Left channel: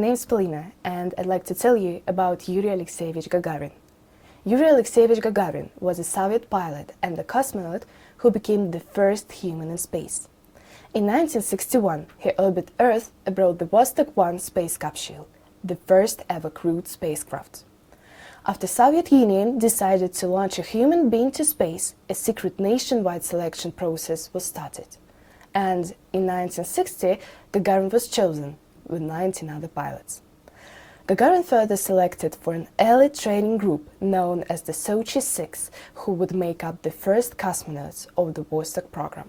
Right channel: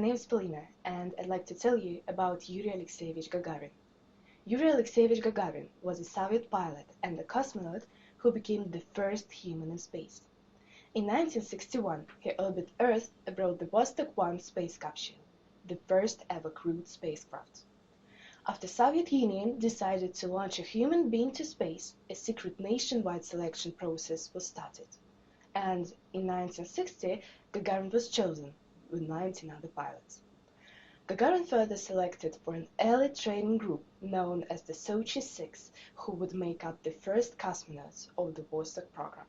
name is Polina, and I'd like to tell you about Yuri Alexeyevich Gagarin. Yuri Alexeyevich Gagarin was a Soviet pilot and a cosmonaut who became the first human in space. In 1961, he orbited Earth aboard the Vostok 1 space capsule, the first ever crewed spacecraft. After the Soviet Union decided to launch a human being to space, a secret nationwide selection process was started. And in 1960, Gagarin was chosen, with 19 other pilots. Gagarin further selected for an elite training group known as the Sochi 6, who would make up the first cosmonauts of the Vostok program.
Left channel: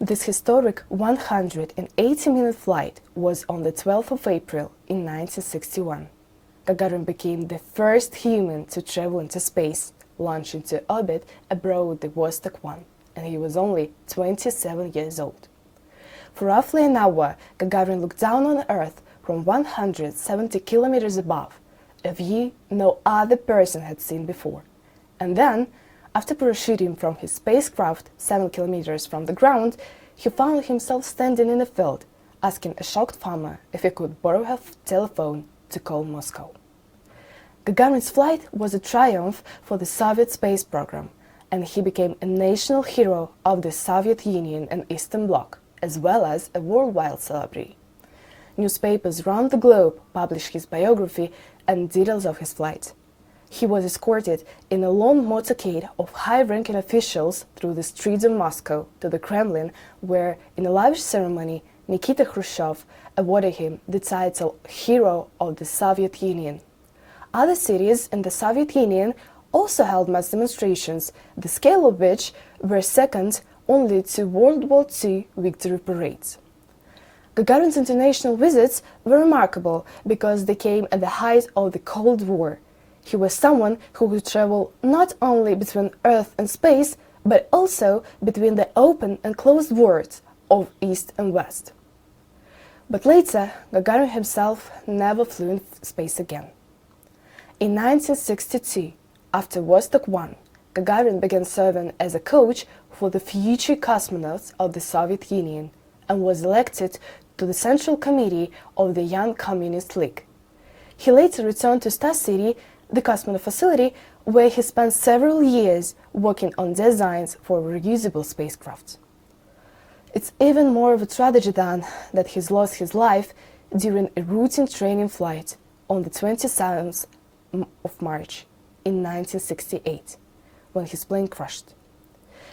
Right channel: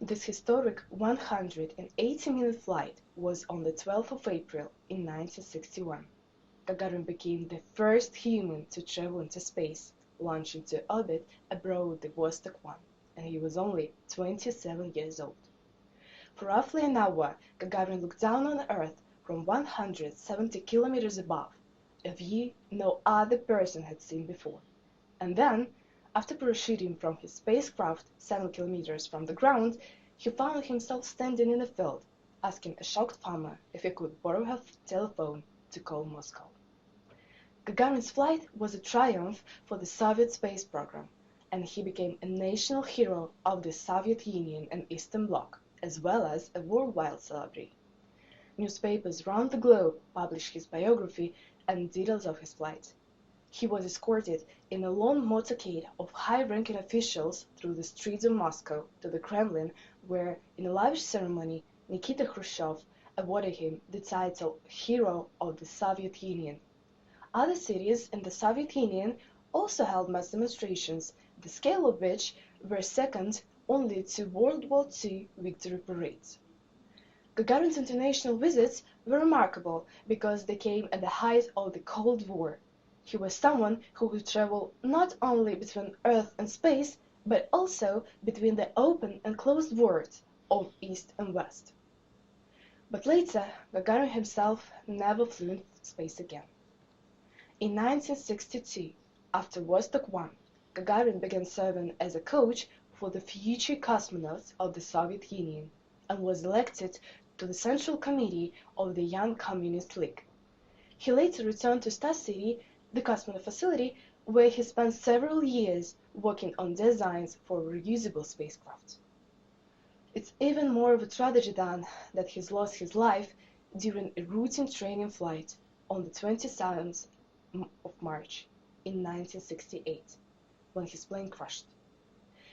This historic 180-minute flight was on the 12th of April in 1961. Gagarin became the first human to travel into space, launch into orbit aboard the Vostok 1, and he was only 27 years old. For roughly an hour, Gagarin looked down on Earth from 170 kilometers above, a view no other person had seen before. And then, after parachuting from his spacecraft 7 kilometers from the ground, he found himself standing in a field, asking a shocked farmer if he could borrow her telephone to call Moscow. Gagarin's flight was a triumph for the Soviet space program, and he became a national hero of the Soviet Union and Eastern Bloc, as well as a worldwide celebrity. Newspapers around the globe published his biography and details of his flight. He was escorted in a long motorcade of high-ranking officials through the streets of Moscow to the Kremlin, where, in a lavish ceremony, Nikita Khrushchev awarded him the title Hero of the Soviet Union. Other cities in the Soviet Union also held mass demonstrations, the scale of which were second only to World War II victory parades. Gagarin's international visits were remarkable because they came at the height of the Cold War. He was someone who would travel not only between Earth and space, but also between the open and closed worlds of East and West. But later, Gagarin himself never flew in space again. In 1962, after Vostok 1, Gagarin began serving as a coach for the future cosmonauts of the Soviet Union and was elected to the Central Committee of the Young Communist League. He later returned to Star City, the cosmonaut facility, where he spent several years working on designs for reusable spacecraft. It's even more of a tragedy then that he lost his life during a routine training flight on the 27th of March in 1968, when his plane crashed.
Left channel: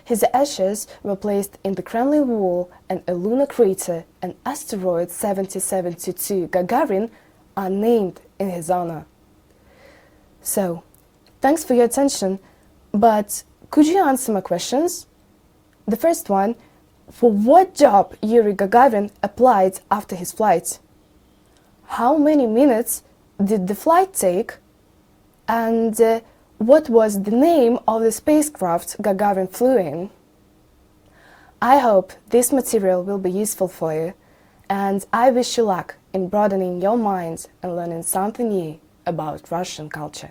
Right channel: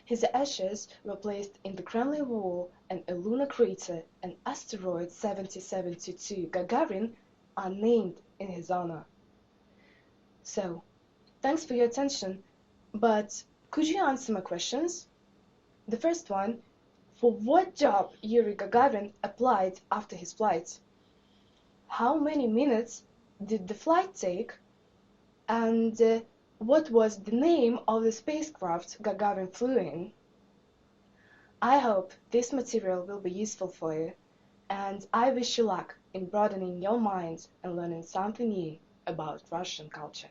His ashes were placed in the Kremlin wall, and a lunar crater and asteroid 7072 Gagarin are named in his honor. So, thanks for your attention, but could you answer my questions? The first one, for what job Yuri Gagarin applied after his flight? How many minutes did the flight take? And what was the name of the spacecraft Gagarin flew in? I hope this material will be useful for you, and I wish you luck in broadening your minds and learning something new about Russian culture.